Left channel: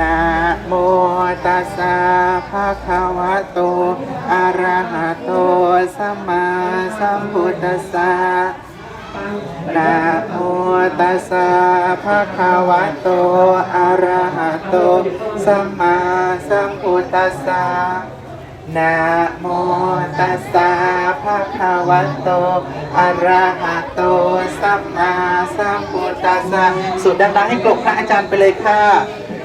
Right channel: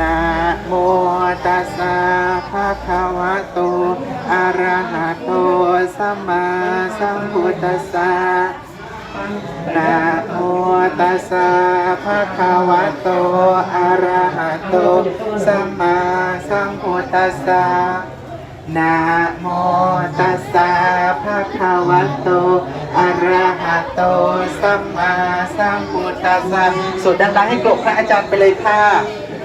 นะโมตัสสะภะคะวะโต อะระหะโต สัมมาสัมพุทธัสสะนะโมตัสสะภะคะวะโต อะระหะโต สัมมาสัมพุทธัสสะนะโมตัสสะภะคะวะโต อะระหะโต สัมมาสัมพุทธัสสะสุดดังๆให้กลบพระอาจารย์ไปเลยค่ะ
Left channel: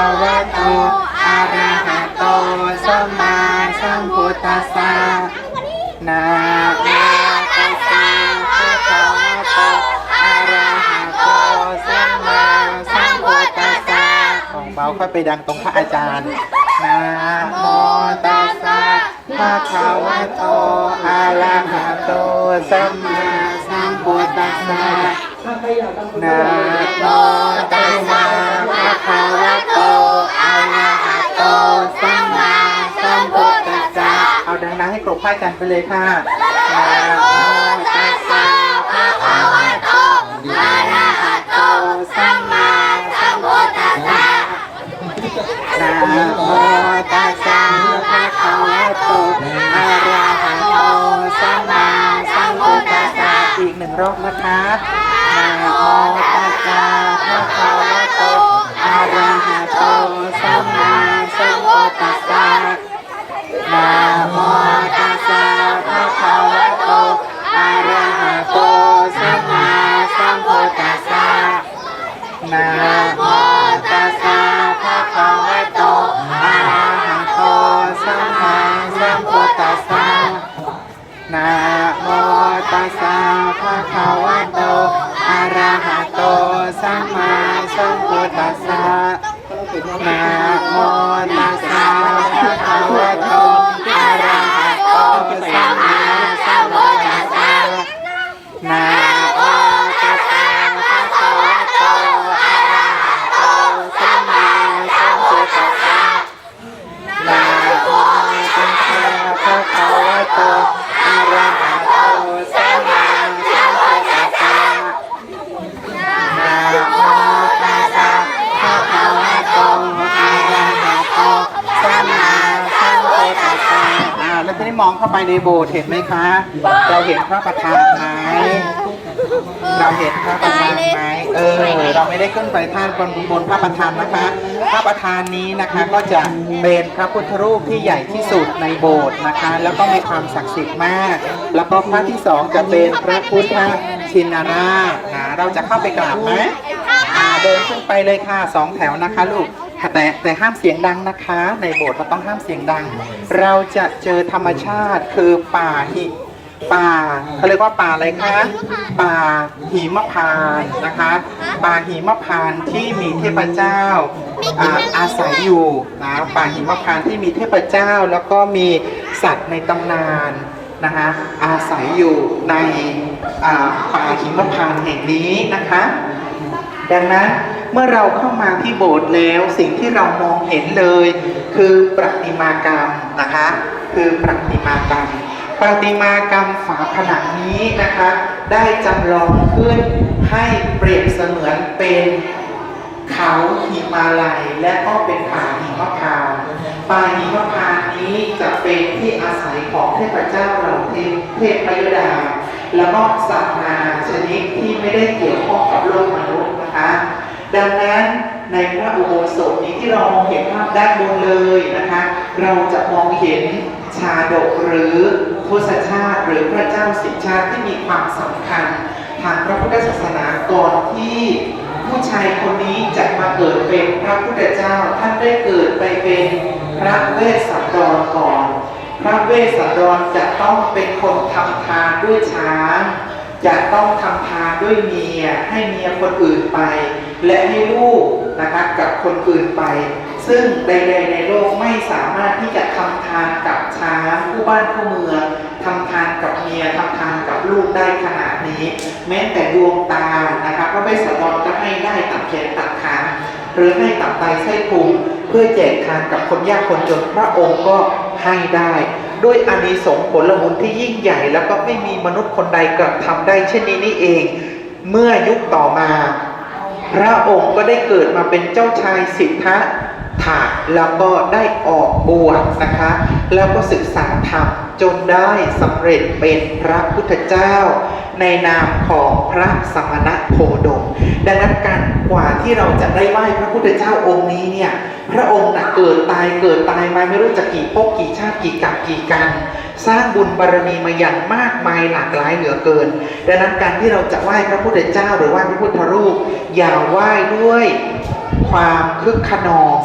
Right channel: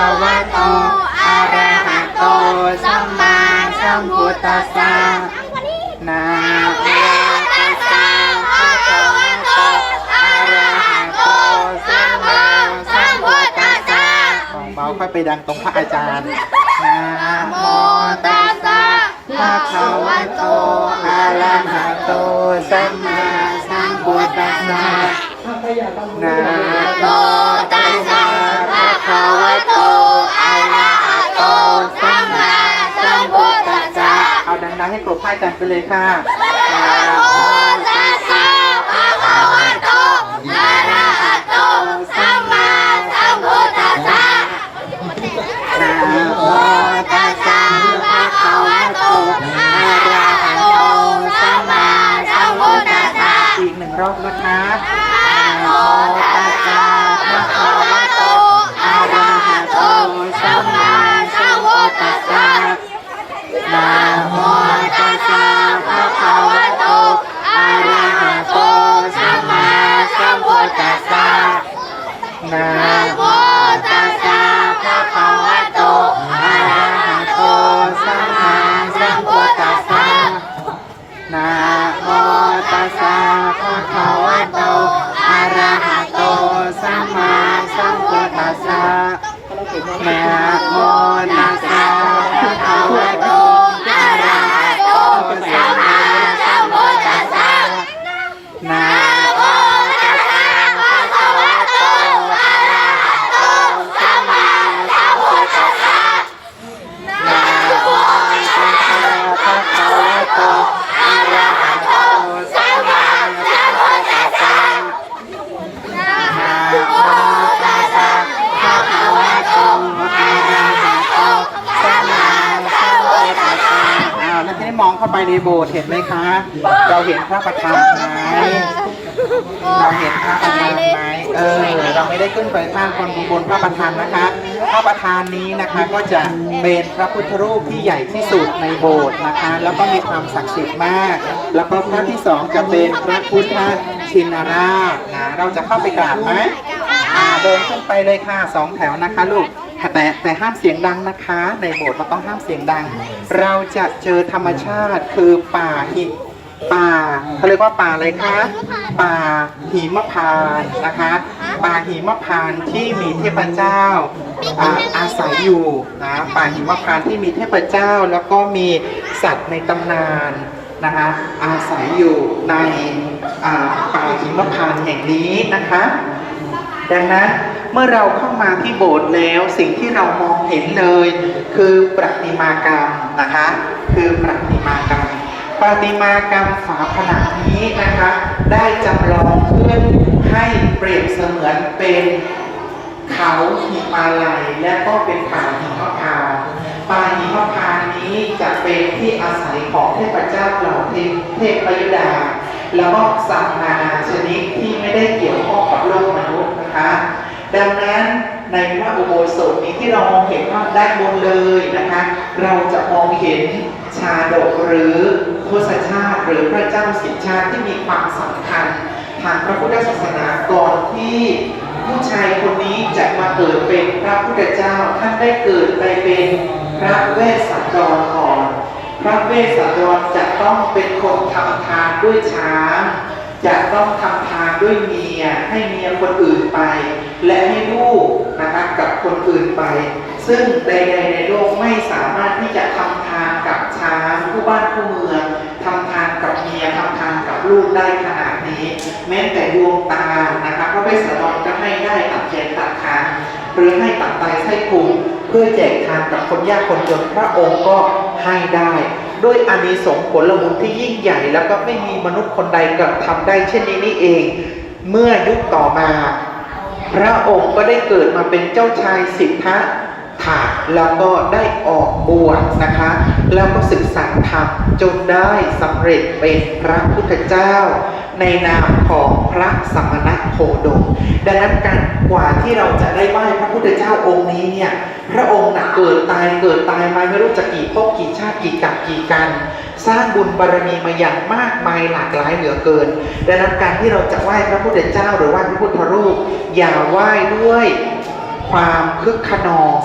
ภะคะวะโตอะระหะโตสัมมาสัมพุทธัสสะนะโมตัสสะภะคะวะโตอะระหะโตสัมมาสัมพุทธัสสะเบาๆค่อยไปดังตรงพระอาจารย์นะโมตัสสะภะคะวะโตอะระหะโตสัมมาสัมพุทธัสสะนะโมตัสสะภะคะวะโตอะระหะโตสัมมาสัมพุทธัสสะเอาดังๆให้กรบพระอาจารย์ไปเลยค่ะนะโมตัสสะภะคะวะโตอะระหะโตสัมมาสัมพุทธัสสะนะโมตัสสะภะคะวะโตอะระหะโตสัมมาสัมพุทธัสสะอีกหนึ่งรอบนะคะนะโมตัสสะภะคะวะโตอะ ระหะโตสัมมาสัมพุทธัสสะนะโมตัสสะภะคะวะโตอะระหะโตสัมมาสัมพุทธัสสะนะโมตัสสะภะคะวะโตอะ อะระหะโตสัมมาสัมพุทธัสสะนะโมตัสสะภะคะวะโตอะระหะโตสัมมาสัมพุทธัสสะอ้าวแล้วจะได้มองเข้าไปในโบสถ์เห็นไหมคะ เราเห็นพระประธานไหมเราเห็นพระประธานไหมเออ เราไม่ได้ขึ้นไปท่านบนบนพระประธานนะคะ พระประธานนี้นะคะก็จะเป็นพระพุทธรูปที่ใหญ่ที่สุดในโบสถ์นะคะ แล้วก็มีความศักดิ์สิทธิ์มาก แล้วก็พระที่สองจะเป็นพระพุทธชินราชนะเราจะเข้าไปกราบไหมอ่าเดินขึ้นไปเลยค่ะสองแถวนะคะลูกแต่แต่ห้ามเสียงดังนะคะ ในโบสถ์เราต้องห้ามเสียงดัง เราจะเจอธรรมชาติคือป่าหิ ป่าเขาเรียกว่าป่าอะไรคะ ป่าหิมพานต์นะคะ ป่าหิมพานต์ที่มีเทพเจ้าอาอาศัยอยู่นะป่าหิมพานต์ที่มีเทพเจ้าแล้วก็มีสัตว์ในตำนานนะคะอาศัยอยู่ในป่าหิมพานต์แห่งนี้นะคะ ดังนั้นเมื่อเราเข้ามาที่โบสถ์แล้วสิ่งที่เรามองเห็นเลย คือประติมากรรมนะคะ คือประติมากรรม ประติมากรรมฝาผนังนี้นะคะ ได้จำลองขึ้นให้เปรียบเสมือนเป็นเขาหิมาลัยและก็เป็นป่าหิมพานป่าหิมพานนี้จะเป็นที่อาศัยของเทพเจ้าเหล่าเทพเทพยดา แล้วก็สัตว์นานาชนิดที่ไม่ได้เกี่ยวข้องกับโลกมนุษย์นะคะ ดังนั้นในพระอุโบสถนี้ที่เรามองเห็นภาพด้านบนเลยนะคะ เราจะมองเห็น ชาดกหรือทศชาติ หรือพระเจ้าสิทชาติที่มีความสำคัญ ทางพระพุทธศาสนาก่อนที่ผู้ชายคนนี้จะมาเกิดเป็นพระพุทธเจ้าท่านได้เกิดไปเป็นพระเวสสันดรก่อน พระเวสสันดรจะต้องเป็นคนทำทานด้วยช้างจะต้องทำทานด้วยเมียให้เมียคนอื่นไป และให้ลูกนะคะกับคนอื่นไป ซึ่งใดๆในโลกไม่สามารถที่จะทำทานกับช้างผู้ บ้านผู้เมืองทำทานกับเมียทำทานกับลูกได้ขนาดนี้ แม้แต่ดวงตานะคะก็ไม่สะดอนก็ให้ได้ตัดแขนตัดขาหรือให้ตัดไตไส้พุงเพื่อแจกทานกับคนยากคนจนพระองค์ก็ให้ได้ ด้วยอานิสงส์ผลบุญที่ยิ่งใหญ่ แล้วก็ไม่มีมนุษย์คนใดกระทำได้เช่นนี้นี่เอง เมื่อยุคต่อมา พระองค์ก็ได้เกิดมาเป็นเจ้าชายสิทธัต ถะแล้วก็ได้ออกบวชนะคะ แล้วก็ศึกษาธรรมจนได้สำเร็จเป็นพระพุทธเจ้า ในนามของพระสมณะโคดม ดังนั้นการกว่าที่เราจะได้ไหว้พระพุทธเจ้าองค์นี้เนี่ยพระองค์น่ะเกิดตายเกิดตายมาไม่รู้จะกี่ภพกี่ชาติกี่กับกี่กัน สร้างบุญบารมีมาอย่างมากมายหลากหลายเหลือเกิน ดังนั้นการที่เราจะไหว้พระพุทธเจ้าหรือไหว้พระพุทธรูป อย่าไหว้ด้วยความคึกขนอง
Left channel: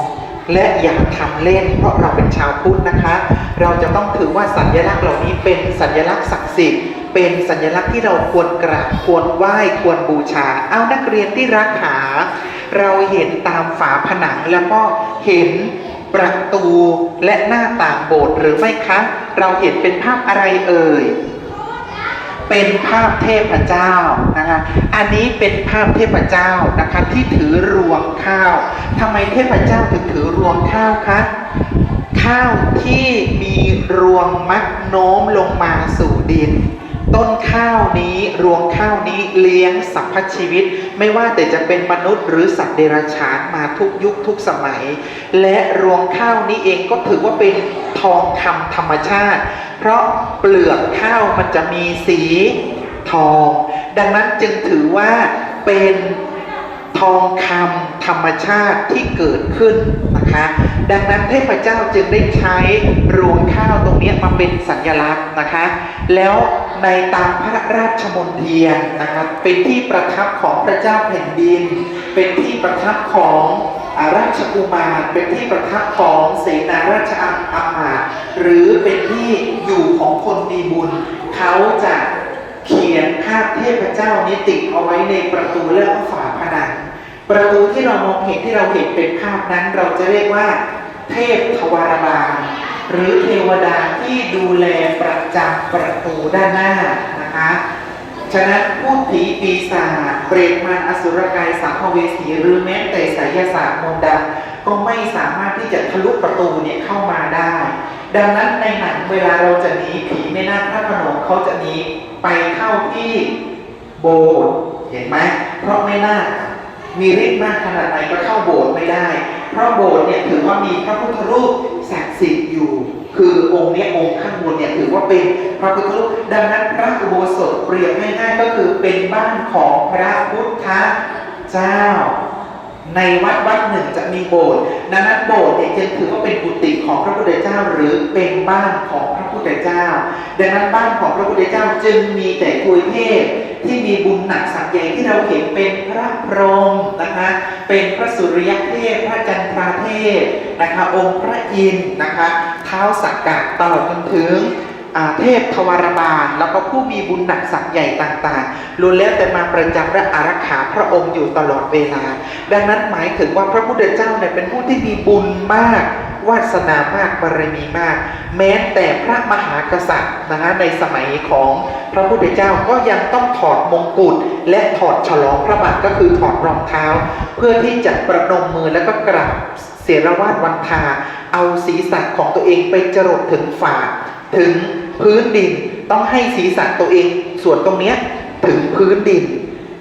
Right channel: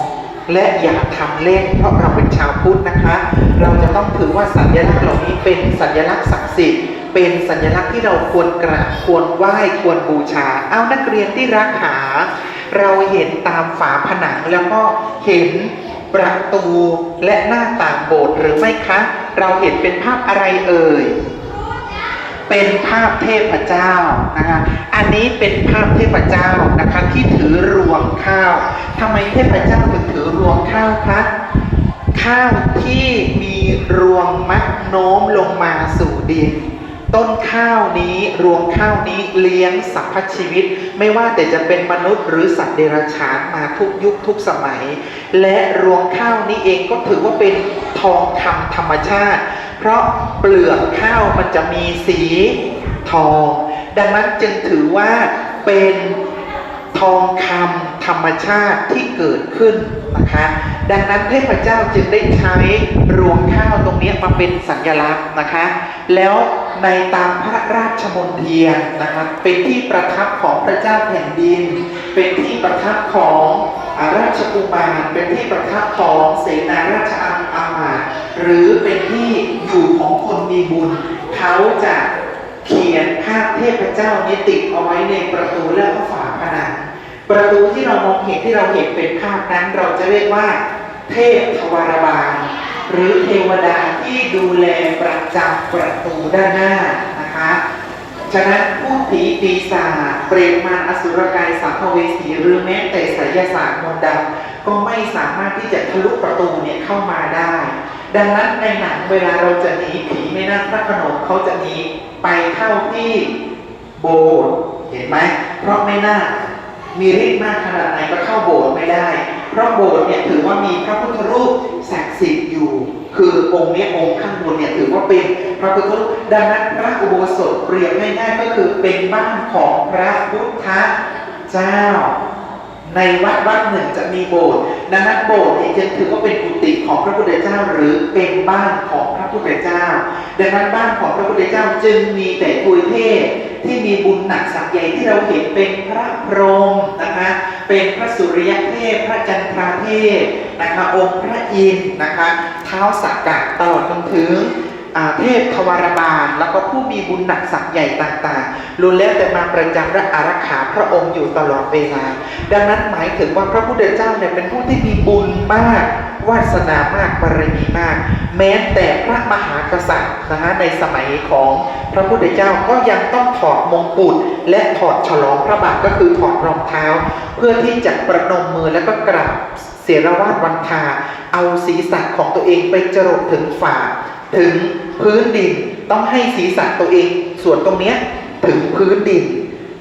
และอย่าทำเล่น เพราะเราเป็นชาวพุทธนะคะ เราจะต้องถือว่าสัญลักษณ์เหล่านี้เป็นสัญลักษณ์ศักดิ์สิทธิ์เป็นสัญลักษณ์ที่เราควรกราบควรไหว้ควรบูชา เอานักเรียนที่รักหาเราเห็นตามฝาผนังแล้วก็เห็นประตูและหน้าต่างโบสถ์หรือไม่คะ เราเห็นเป็นภาพอะไรเอ่ย เป็นภาพเทพเจ้านะคะ อันนี้เป็นภาพเทพเจ้านะคะที่ถือรวงข้าวทำไมเทพเจ้าถึงถือรวงข้าวคะข้าวที่มีรวงมักโน้มลงมาสู่ดิน ต้นข้าวนี้รวงข้าวนี้เลี้ยงสรรพชีวิต ไม่ว่าแต่จะเป็นมนุษย์หรือสัตว์เดรัจฉานมาทุกยุคทุกสมัย และรวงข้าวนี้เองก็ถือว่าเป็นทองคำธรรมชาติ เพราะเปลือกข้าวมันจะมีสีทอง ดังนั้นจึงถือว่าเป็นทองคำธรรมชาติที่เกิดขึ้นนะคะ ดังนั้นเทพเจ้าจึงได้ใช้รวงข้าวตรงนี้มาเป็นสัญลักษณ์นะคะ แล้ว ในตามพระราชมนเทียนนะคะเป็นที่ประทับของพระเจ้าแผ่นดิน เป็นที่ประทับของอาราชกุมารเป็นที่ประทับของเสนาราชอาอามาตหรือเป็นที่อยู่ของคนมีบุญ เขาจะเขียนภาพเทพเจ้านี้ติดเอาไว้ในประตูและก็ฝาผนังประตูที่เรามองเห็นที่เราเห็นเป็นภาพนั้น เราจะเรียกว่า เทพทวารบาล หรือเทวดาที่ดูแลประจำประตูด้านหน้านะคะ ฉะนั้นพูดผีปีศาจเปรตมารอสุรกายสัมภเวสีหรือแม้แต่ไสยศาสตร์มนต์ดำก็ไม่สามารถที่จะทะลุประตูเนี่ยเข้ามาได้ ดังนั้นในหนังเวลาเราจะหนีผีไม่น่าพระโขนงเขาจะหนีไปเข้าที่โบสถ์เห็นไหมเพราะไม่น่ามีฤทธิ์มากขนาดไหนก็เข้าโบสถ์ไม่ได้ เพราะโบสถ์เนี่ยถือว่ามีพระพุทธรูปศักดิ์สิทธิ์อยู่ คือองค์เนี้ยองค์ข้างบนเนี่ยถือว่าเป็นพระพุทธรูปดังนั้นพระอุโบสถเปรียบง่ายๆก็คือเป็นบ้านของพระพุทธเจ้า ในวัดวัดหนึ่งจะมีโบสถ์ดังนั้นโบสถ์เนี่ยจึงถือว่าเป็นกุฏิของพระพุทธเจ้า หรือเป็นบ้านของพระพุทธเจ้า ดังนั้นบ้านของพระพุทธเจ้าจึงมีแต่ทวยเทพ ที่มีบุญหนักสักใหญ่ที่เราเห็นเป็นพระพรหมนะคะ เป็นพระสุริยเทพพระจันทราเทพนะคะ องค์พระอินทร์นะคะเท้าสักกะตลอดจนถึง เทพทวารบาล แล้วก็ผู้มีบุญหนักสักใหญ่ต่างๆล้วนแล้วแต่มาประจำและอารักขาพระองค์อยู่ตลอดเวลา ดังนั้นหมายถึงว่าพระพุทธเจ้าเนี่ยเป็นผู้ที่มีบุญมากวาสนามากบารมีมาก แม้แต่พระมหากษัตริย์นะคะในสมัยของพระพุทธเจ้าก็ยังต้องถอดมงกุฎและถอดฉลองพระบาทก็คือถอดรองเท้า เพื่อที่จะประนมมือแล้วก็กราบเสรวาทวันทา เอาศีรษะของตัวเองไปจรดถึงฝ่าถึง พื้นดินต้องให้ศีรษะตัวเองส่วนตรงเนี้ยถึงพื้นดิน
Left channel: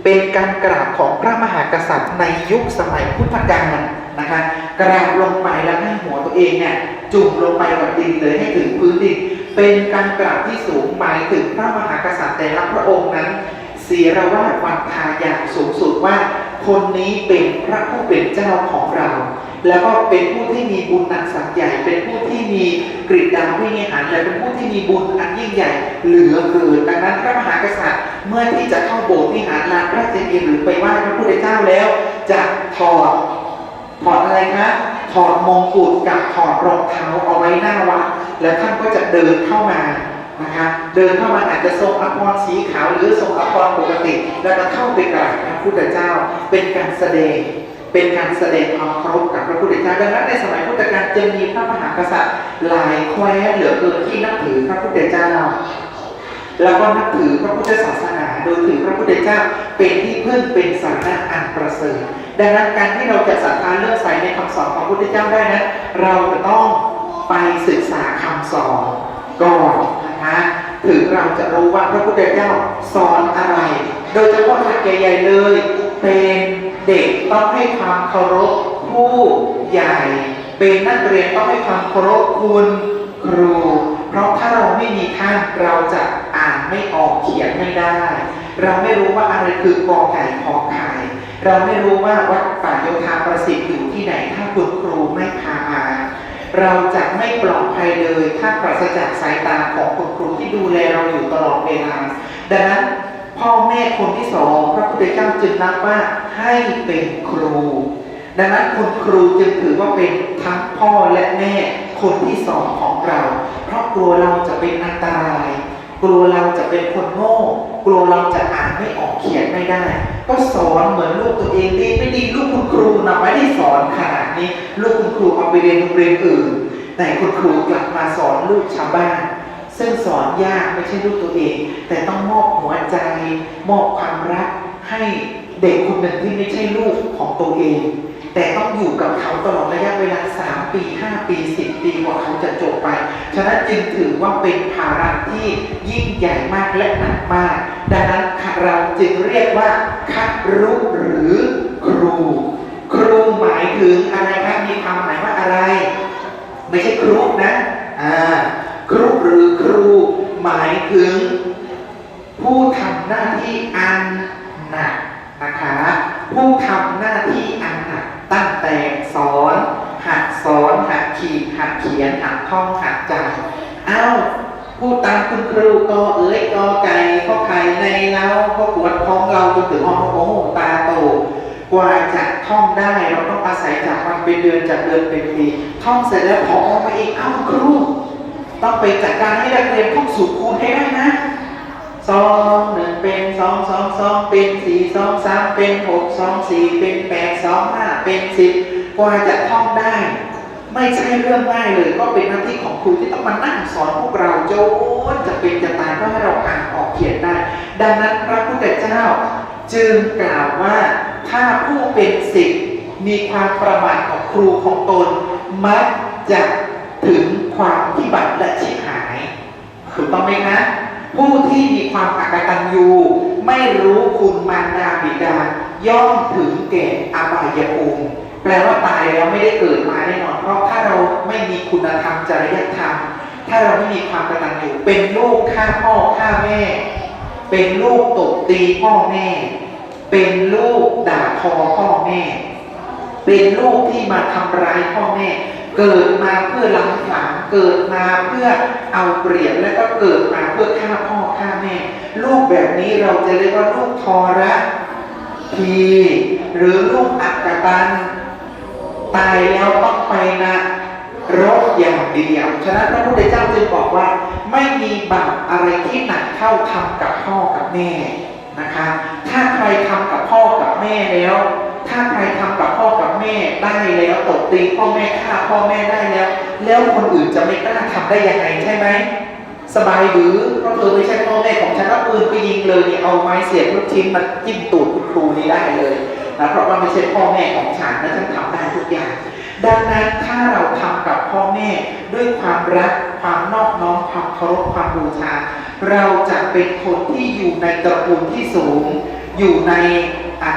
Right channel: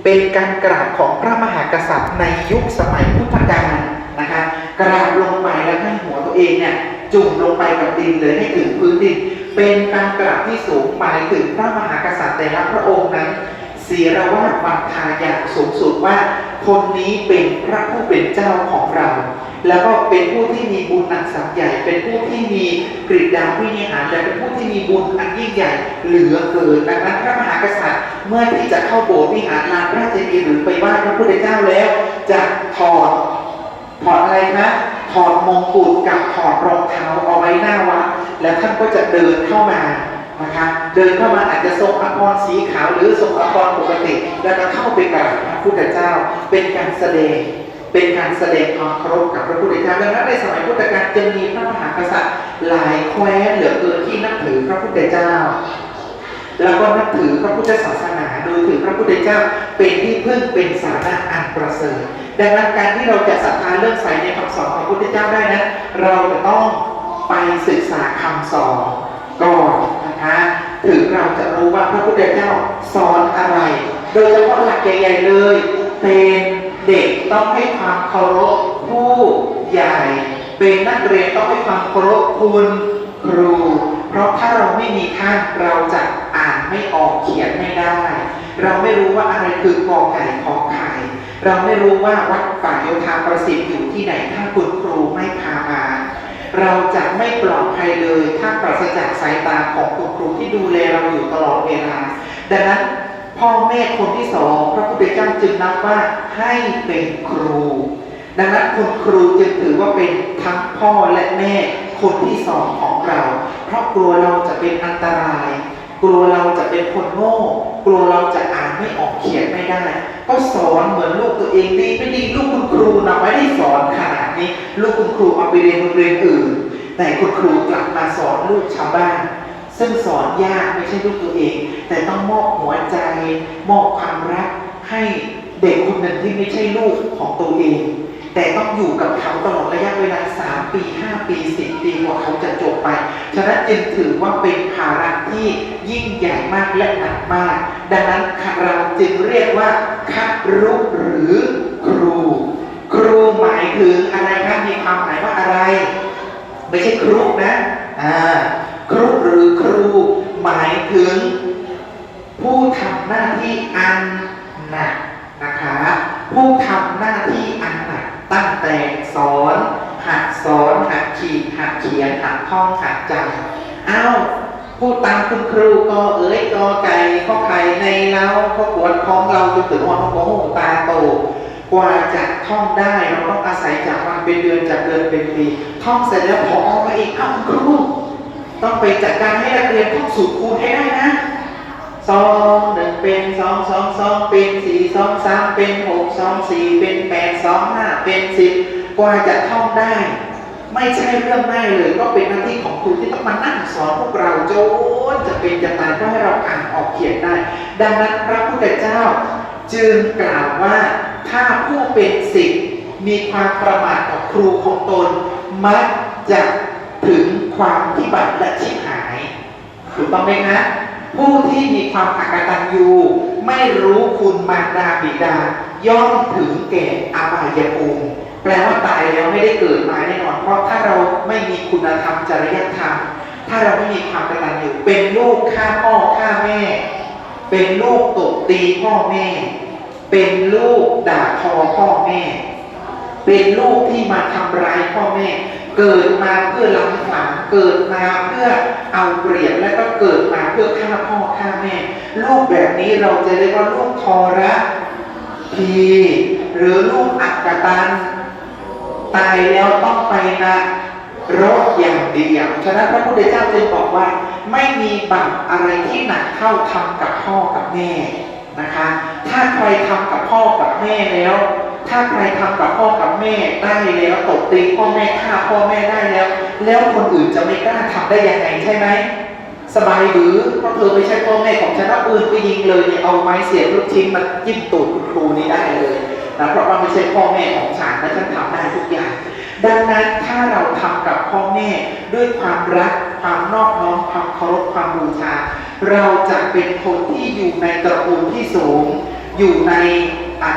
เป็นการกราบของพระมหากษัตริย์ในยุคสมัยพุทธกาลนะคะกราบลงไปแล้วให้หัวตัวเองเนี่ยจุ่มลงไปกับดินเลยให้ถึงพื้นดิน เป็นการกราบที่สูงหมายถึงพระมหากษัตริย์แต่ละพระองค์นั้นศีรวาสวันทาอย่างสูงสุดว่า คนนี้เป็นพระผู้เป็นเจ้าของเรา แล้วก็เป็นผู้ที่มีบุญอันสักใหญ่ เป็นผู้ที่มีกริดาวินิหารและเป็นผู้ที่มีบุญอันยิ่งใหญ่เหลือเกินดังนั้นพระมหากษัตริย์เมื่อที่จะเข้าโบสถ์วิหารลานพระเจดีย์หรือไปไหว้พระพุทธเจ้าแล้ว จะถอดถอดอะไรนะถอดมงกุฎกับถอดรองเท้าเอาไว้หน้าวัดแล้วท่านก็จะเดินเข้ามา นะคะเดินเข้ามาอาจจะทรงอภรณ์สีขาวหรือทรงอภรณ์ปกติ แล้วก็เข้าไปกราบพระพุทธเจ้า เป็นการแสดง เป็นการแสดงความเคารพกับพระพุทธเจ้าดังนั้นในสมัยพุทธกาลจะมีพระมหากษัตริย์ หลายแคว้นเหลือเกินที่นับถือพระพุทธเจ้า แล้วก็นับถือพระพุทธศาสนาโดยถือพระพุทธเจ้าเป็นที่พึ่งเป็นสาระอันประเสริฐดังนั้นการที่เราจะศรัทธาเลื่อมใสในคำสอนของพระพุทธเจ้าได้นะเราจะต้องไปศึกษาคำสอนก่อนะ ถึงเราจะรู้ว่าพระพุทธเจ้าสอนอะไร โดยเฉพาะหลักใหญ่ๆเลย เป็นเด็กต้องให้ความเคารพผู้ใหญ่ เป็นนักเรียนต้องให้ความเคารพคุณครู เพราะถ้าเราไม่มีท่านเราจะอ่านไม่ออกเขียนไม่ได้ เราไม่รู้ว่าอะไรคือกอไก่ขอไข่เราไม่รู้ว่าวัดป่าโยธาประสิทธิ์อยู่ที่ไหนถ้าคุณครูไม่พามา เราจะไม่ปลอดภัยเลย ถ้าปราศจากสายตาของคุณครูที่ดูแลเราอยู่ตลอดเวลา ดังนั้นพ่อแม่คนที่สองพระพุทธเจ้าจึงนับว่าให้เป็นครู ดังนั้นคุณครูจึงถือว่าเป็นทั้งพ่อและแม่คนที่สองของเรา เพราะกลัวเราจะเป็นอันตราย กลัวเราจะเป็นคนโง่ กลัวเราจะอ่านไม่ออกเขียนไม่ได้ ก็สอนเหมือนลูกตัวเองดีไม่ดีลูกคุณครูนะไม่ได้สอนขนาดนี้ ลูกคุณครูเอาไปเรียนโรงเรียนอื่น แต่คุณครูกลับมาสอนลูกชาวบ้านซึ่งสอนยากไม่ใช่ลูกตัวเอง แต่ต้องมอบหัวใจ มอบความรักให้เด็กคนหนึ่งที่ไม่ใช่ลูกของตัวเอง แต่ต้องอยู่กับเขาตลอดระยะเวลา 3 ปี 5 ปี 10 ปีกว่าเขาจะจบไป ฉะนั้นจึงถือว่าเป็นภาระที่ยิ่งใหญ่มากและหนักมาก ดังนั้นเราจึงเรียกว่าคัรุหรือครู ครูหมายถึงอะไรครับมีความหมายว่าอะไร ไม่ใช่ครุนะอ่าครุหรือครู หมายถึง ผู้ทำหน้าที่อันหนักนะคะผู้ทำหน้าที่อันหนัก ตั้งแต่สอน หัดสอน หัดขีด หัดเขียนหัดท่องหัดจำเอ้าพูดตามคุณครูก็เอ้ยก็ไก่ก็ไข่ในเราก็ปวดท้องเราจนถึงอ่อนโอ้โหตาโตกว่าจะท่องได้เราต้องอาศัยจากวันเป็นเดือนจากเดือนเป็นปีท่องเสร็จแล้วพอมาอีกเอ้าคุณครู ต้องไปจัดการให้นักเรียนท่องสูตรคูณให้ได้นะสองหนึ่งเป็นสองสองสองเป็นสี่สองสามเป็นหกสองสี่เป็นแปดสองห้าเป็นสิบกว่าจะท่องได้ ไม่ใช่เรื่องง่ายเลย ก็เป็นหน้าที่ของครูที่ต้องมานั่งสอนพวกเราจนจะเป็นจะตายเพื่อให้เราอ่านออกเขียนได้ ดังนั้นพระพุทธเจ้า จึงกล่าวว่าถ้าผู้เป็นศิษย์มีความประมาทกับครูของตน มักจะถึงความพิบัติและชิบหายถูกต้องไหมนะผู้ที่มีความอักตันยูไม่รู้คุณมารดาบิดา ย่อมถึงแก่อบายภูมิ แปลว่าตายแล้วไม่ได้เกิดมาแน่นอนเพราะถ้าเราไม่มีคุณธรรมจริยธรรม ถ้าเราไม่มีความกตัญญูเป็นลูกฆ่าพ่อฆ่าแม่ เป็นลูกตบตีพ่อแม่ เป็นลูกด่าทอพ่อแม่ เป็นลูกที่มาทำร้ายพ่อแม่ เกิดมาเพื่อล้างผลาญเกิดมาเพื่อเอาเปรียบและก็เกิดมาเพื่อฆ่าพ่อฆ่าแม่ ลูกแบบนี้เราจะเรียกว่าลูกทอรพีหรือลูกอักตัน ตายแล้วต้องไปนะรกอย่างเดียวฉะนั้นพระพุทธเจ้าจึงบอกว่า ไม่มีบาปอะไรที่หนักเท่าทำกับพ่อกับแม่นะคะ ถ้าใครทำกับพ่อกับแม่แล้ว ถ้าใครทำกับพ่อกับแม่ได้แล้วตบตีพ่อแม่ฆ่าพ่อแม่ได้แล้ว แล้วคนอื่นจะไม่กล้าทำได้ยังไงใช่ไหมสบายหรือเพราะเธอไม่ใช่พ่อแม่ของฉันเอาปืนไปยิงเลยเนี่ยเอาไม้เสียบลูกชิ้นมาจิ้มตูดคุณครูนี่ได้เลย นะเพราะว่าไม่ใช่พ่อแม่ของฉันและฉันทำได้ทุกอย่าง ดังนั้นถ้าเราทำกับพ่อแม่ด้วยความรักความนอบน้อมความเคารพความบูชา เราจะเป็นคนที่อยู่ในตระกูลที่สูง อยู่ใน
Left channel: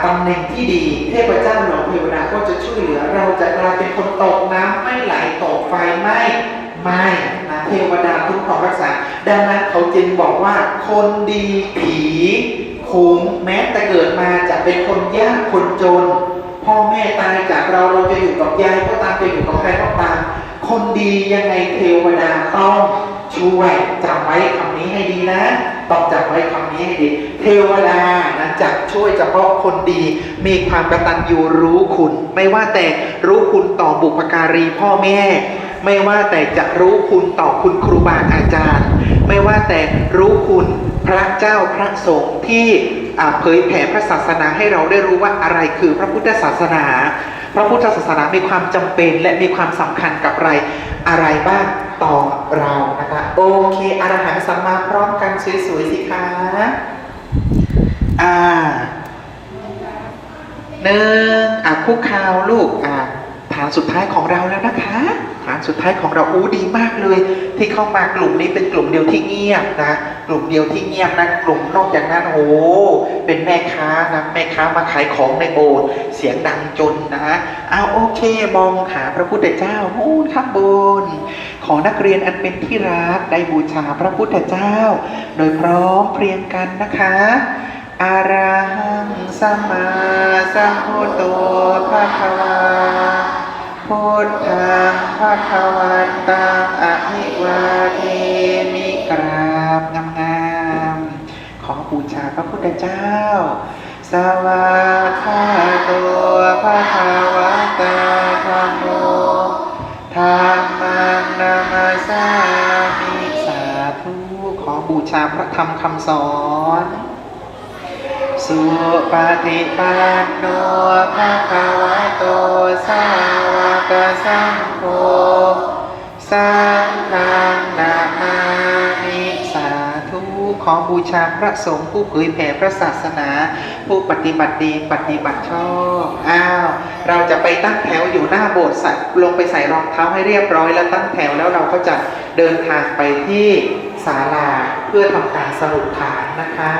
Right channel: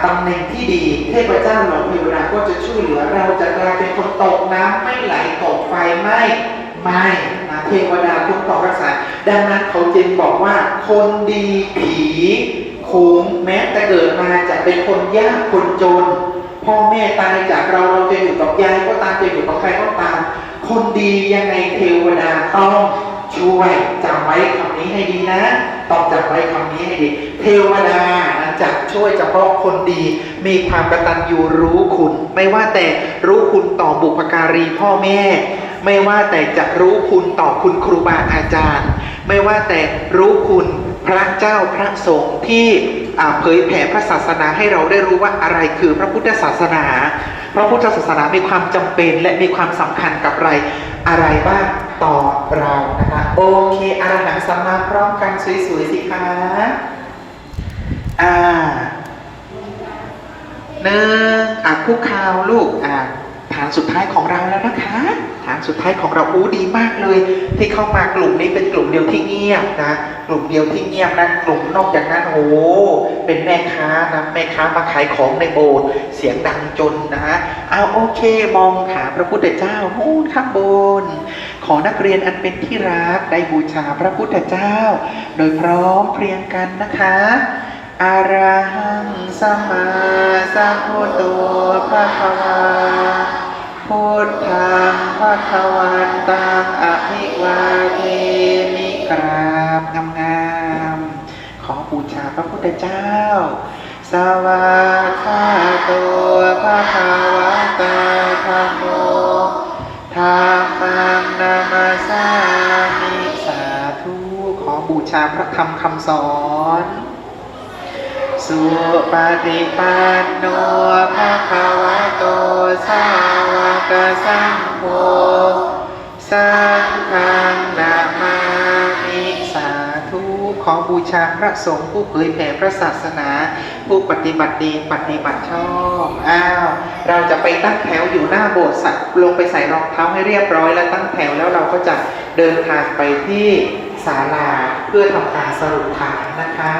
ตำแหน่งที่ดีเทพเจ้าหลวงเทวดาก็จะช่วยเหลือ เราจะกลายเป็นคนตกน้ำไม่ไหลตกไฟไม่ไม่นะเทวดาคุ้มครองรักษา ดังนั้นเขาจึงบอกว่าคนดีผี คุ้มแม้แต่เกิดมาจะเป็นคนยากคนจน พ่อแม่ตายจากเราเราจะอยู่กับยายก็ตามจะอยู่กับใครก็ตาม คนดียังไงเทวดาต้องช่วยจำไว้คำนี้ให้ดีนะ ต้องจำไว้คำนี้ให้ดี เทวดานั้นจะช่วยเฉพาะคนดี มีความกตัญญูรู้คุณ ไม่ว่าแต่รู้คุณต่อบุพการีพ่อแม่ ไม่ว่าแต่จะรู้คุณต่อคุณครูบาอาจารย์ ไม่ว่าแต่รู้คุณ พระเจ้าพระสงฆ์ที่เผยแผ่พระศาสนาให้เราได้รู้ว่าอะไรคือพระพุทธศาสนา พระพุทธศาสนามีความจำเป็นและมีความสำคัญกับอะไรอะไรบ้างต่อเรานะคะโอเคอรหังสัมมาพร้อมกันสวยๆสิคะอ่าหนึ่งอะคุกคาวลูกอะ ฐานสุดท้ายของเราแล้วนะคะฐานสุดท้ายของเราอู้ดีมากเลย ที่เข้ามากลุ่มนี้เป็นกลุ่มเดียวที่เงียบนะกลุ่มเดียวที่เงียบนะกลุ่มนอกจากนั้นโอ้เป็นแม่ค้านะแม่ค้ามาขายของในโบสถ์เสียงดังจนนะเอาโอเคมองหาพระพุทธเจ้านู่นข้างบน ขอนักเรียนอันเป็นที่รักได้บูชาพระพุทธเจ้า โดยพร้อมเพรียงกันนะคะอาราหังสัมมาสัมพุทโธภะคะวา พุทธังภะควันตังอภิวาเทมิกราบงามงามๆขอบูชาพระพุทธเจ้า สวากขาตัวภะคะวะตาธัมโมธรรมังนามาสามิสาธุ ขอบูชาพระธรรมคำสอน สุปฏิปันโนภะคะวะโต สาวกสังโฆ สังฆังนามามิสาธุขอบูชาพระสงฆ์ผู้เผยแผ่พระศาสนา ผู้ปฏิบัติดีปฏิบัติชอบ อ้าว เราจะไปตั้งแถวอยู่หน้าโบสถ์ใส่ลงไปใส่รองเท้าให้เรียบร้อยแล้วตั้งแถวแล้วเราก็จะเดินทางไปที่ศาลาเพื่อทำการสรุปฐานนะคะ